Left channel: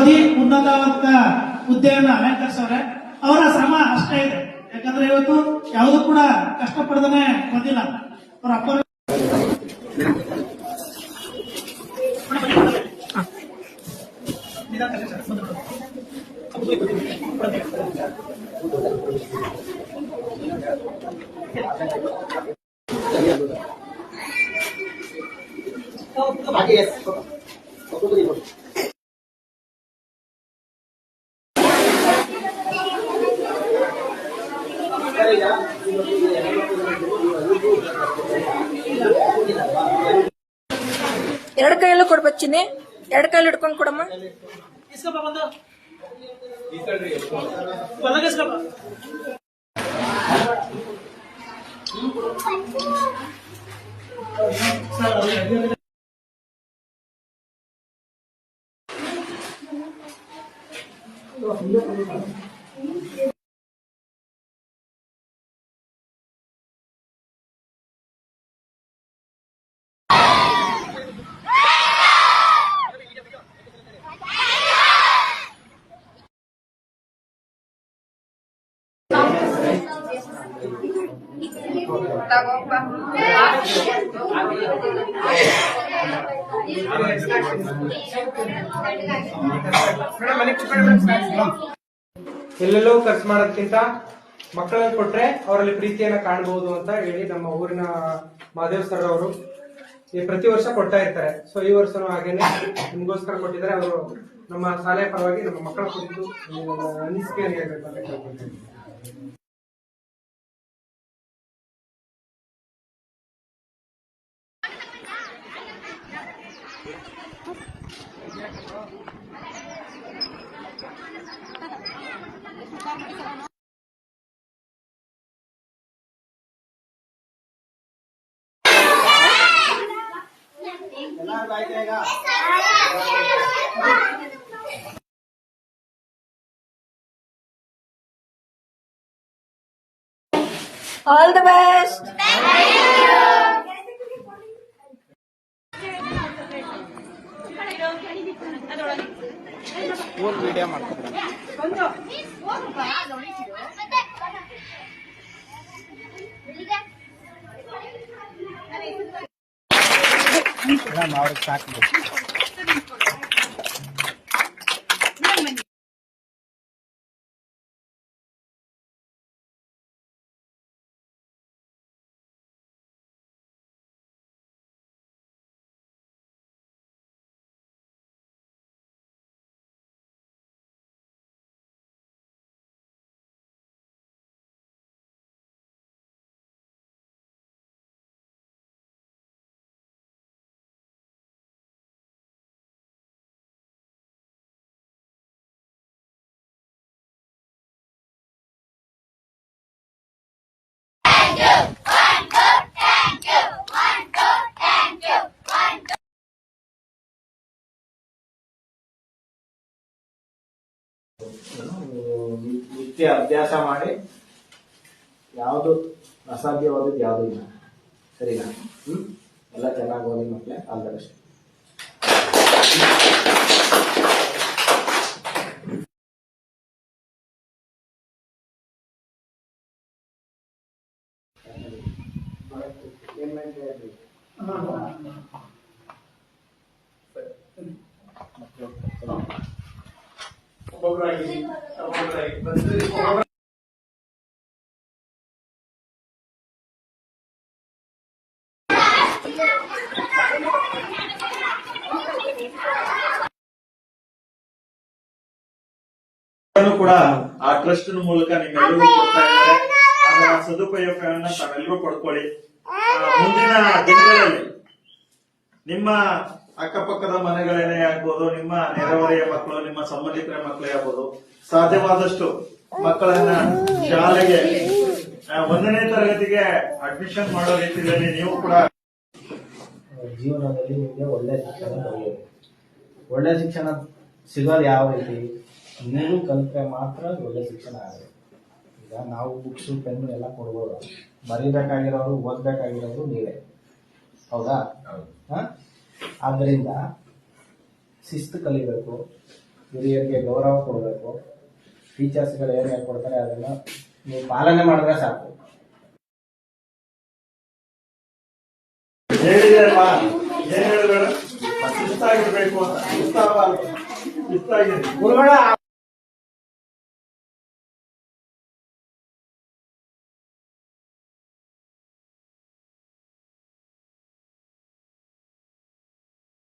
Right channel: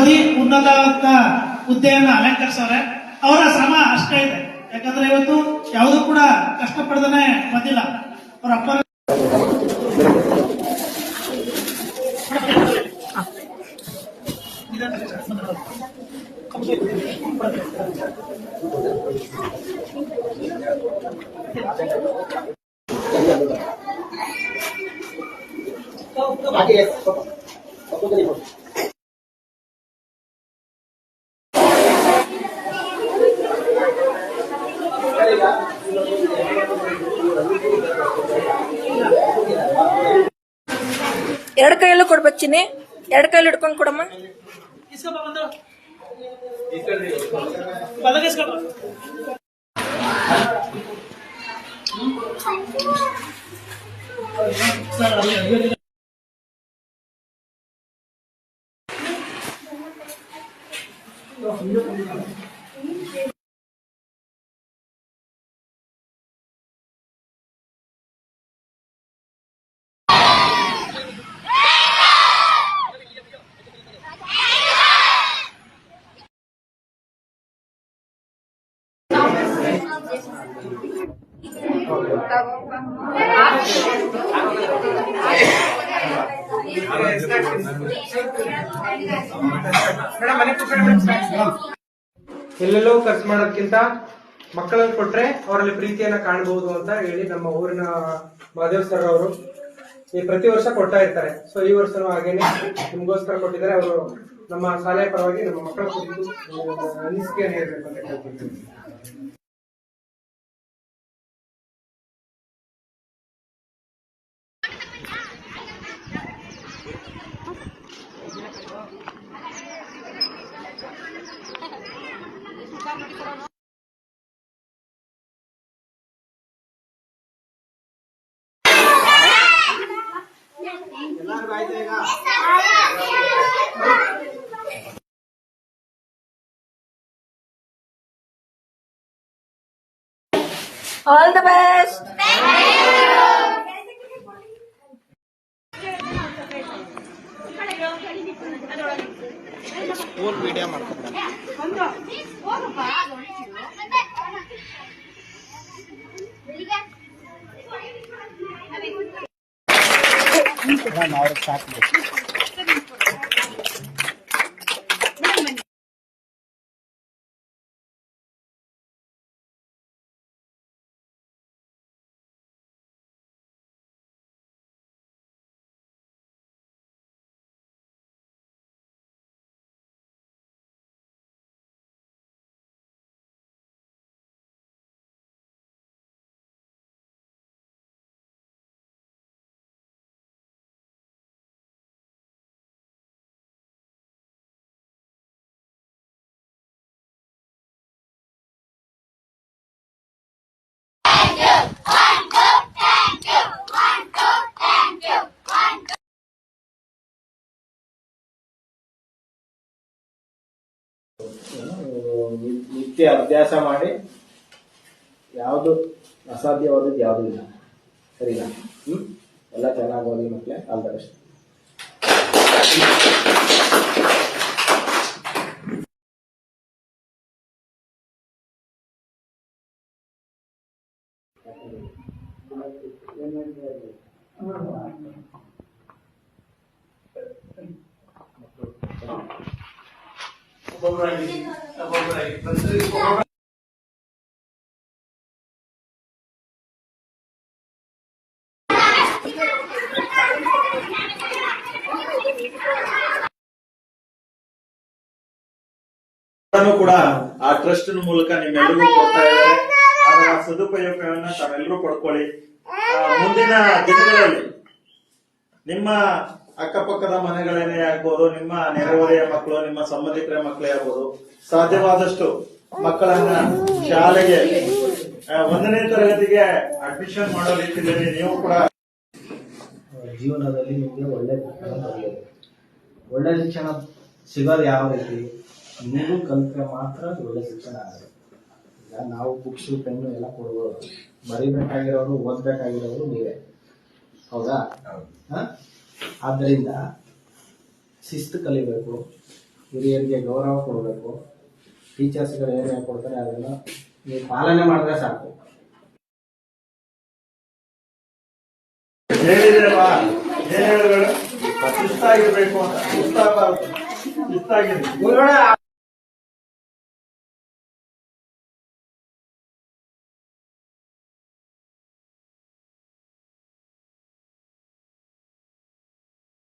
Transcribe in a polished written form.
ಓದಿ ಉನ್ನತ ಹುದ್ದೆಯನ್ನು ಅಲಂಕರಿಸವ್ರೆ. ಅವರ ಶ್ರಮ ಅಷ್ಟೇ ಇದೆ. ಯಾಕಂದ್ರೆ ಇವತ್ತು ಯಾವುದೂ ಕೂಡ ಕಷ್ಟಪಡದೇ ಬಂದಿಲ್ಲ. ಅವರ ಅಪ್ಪ ಎರಡು ಕೈಯಲ್ಲೂ ಕೊಡ್ಬೇಕು ಚಿನ್ನಿ, ಎರಡು ಕೈಯಲ್ಲಿ ಹಿಡ್ಕೊಂಡು ಕೊಡಮ್ಮ. ಎಲ್ಲೆಲ್ಲೋ ಖರ್ಚು ಮಾಡೋದಕ್ಕಿಂತ ಮಕ್ಕಳನ್ನು ಕೊಟ್ರೆ ಅವರಲ್ಲಿ ಪ್ರೀತಿಯನ್ನ ಕಾಣಬಹುದು ಅಂತ ಹೇಳಿ ನಮ್ಮ ಊರಿನ ಮಹಾದೇವ್ ಸರ್ ಅವರು ಈ ಪ್ರತಿ ವರ್ಷ ಕೊಡ್ತಾ ಇರ್ತಾರೆ. ಸೊ ಈ ವರ್ಷನೂ ಹಾಗೇನೆ ನಿಮ್ಗೋಸ್ಕರ ಕೊಟ್ಟಿದ್ದಾರೆ. ಅವರು ನಮ್ಮ ಶಾಲೆಯ ಪರವಾಗಿ ನಮ್ಮ ಮಕ್ಕಳ ಕುರಿತು ಅನಿಸಿಕೆಯನ್ನು ಹೇಳ್ಬೇಕು ಅಂತ ಕೇಳ್ಕೊಳ್ತೀವಿ. All the best. ವಿಡಿಯೋ ಮಾಡ್ಕೊಂಡು ಅವ್ರಿಗೆ ಸಾಕು. ನಿತ್ಯ ಅಭ್ಯಾಸ ಮಾಡಿ ಯಾವುದು ಅಸಾಧ್ಯವಾದದ್ದು ಯಾವುದೂ ಇಲ್ಲ. ಸರಿನಾ? ಎಲ್ಲ ಚೆನ್ನಾಗಿ ಓದಿ ಮಕ್ಕಳೇ. All the best. ಕೂಡ ಆ ಟ್ರಸ್ಟ್ ಮೂಲಕ ನಿಮ್ಮೆಲ್ಲರಿಗೂ ಕೊಡ್ತಾ ಇದ್ದಾರೆ. ಅದರ ಸದುಪಯೋಗವನ್ನ ತಾವೆಲ್ಲರೂ ಪಡ್ಕೊಳ್ಳಿ. ಮುಂದಿನ ದಿನಗಳಲ್ಲಿ ನಿಮ್ಮ ಅಕ್ಕಪಕ್ಕದ ಮನೆಗಳನ್ನೇ ಆಗ್ಬೋದು, ನಿಮ್ಮ ನೆರೆಹೊರೆಯ ಮಕ್ಕಳು, ನಿಮ್ಮ ಸಂಬಂಧಿಕರ ಮಕ್ಕಳೇ ಆಗ್ಬೋದು, ಸಾಧ್ಯವಾದಷ್ಟು ಮಕ್ಕಳನ್ನ ಶಾಲೆಗೆ 1ನೇ ತರಗತಿಗೆ ಅಡ್ಮಿಷನ್ ಮಾಡೋ ರೀತಿಯಲ್ಲಿ ನೀವು ಕೂಡ ಜೀವನದಲ್ಲಿ ನಿಮಗೆ ಒಳ್ಳೆ ಶಿಕ್ಷಣ ದೊರೆಯೋದು. ಒಳ್ಳೆ ಶಿಕ್ಷಣ ಸಿಗೋದು ಯಾವ ರೀತಿ? ನೀವು ಕಲಿತ್ರೆ ಮಾತ್ರ ಒಳ್ಳೆ ಶಿಕ್ಷಣ ಆಗೋದು. ಈಗ ನಾವು ಬುಕ್ಸು ಪೆನ್ನು ಎಲ್ಲ ಕೊಡ್ಬೋದು, ಬರೀಬೇಕಾಗಿರೋರು ಓದ್ಬೇಕಾಗಿರೋರು ನೀವೇ. ಹೌದಾ? ಆದ್ದರಿಂದ ಶಿಸ್ತು ಕಲಿಬೇಕು, ಹಿರಿಯರಿಗೆ ಗೌರವ ಕೊಡಬೇಕು. ಟೀಚರ್ಸ್ಗಳು ಏನು ಹೇಳ್ಕೊಡ್ತಾರೆ ಅದನ್ನು ನೀವು ಪಾಲನೆ ಮಾಡಿದ್ರೆ ಸಾಕು. ಹೇಳಿದಲ್ವಾ ಏನ್ ಹೇಳಿದ್ರು ಶಿಸ್ತಾಗಿರ್ಬೇಕು ಅಂತ. ಶಿಸ್ತಾಗಿರಿ.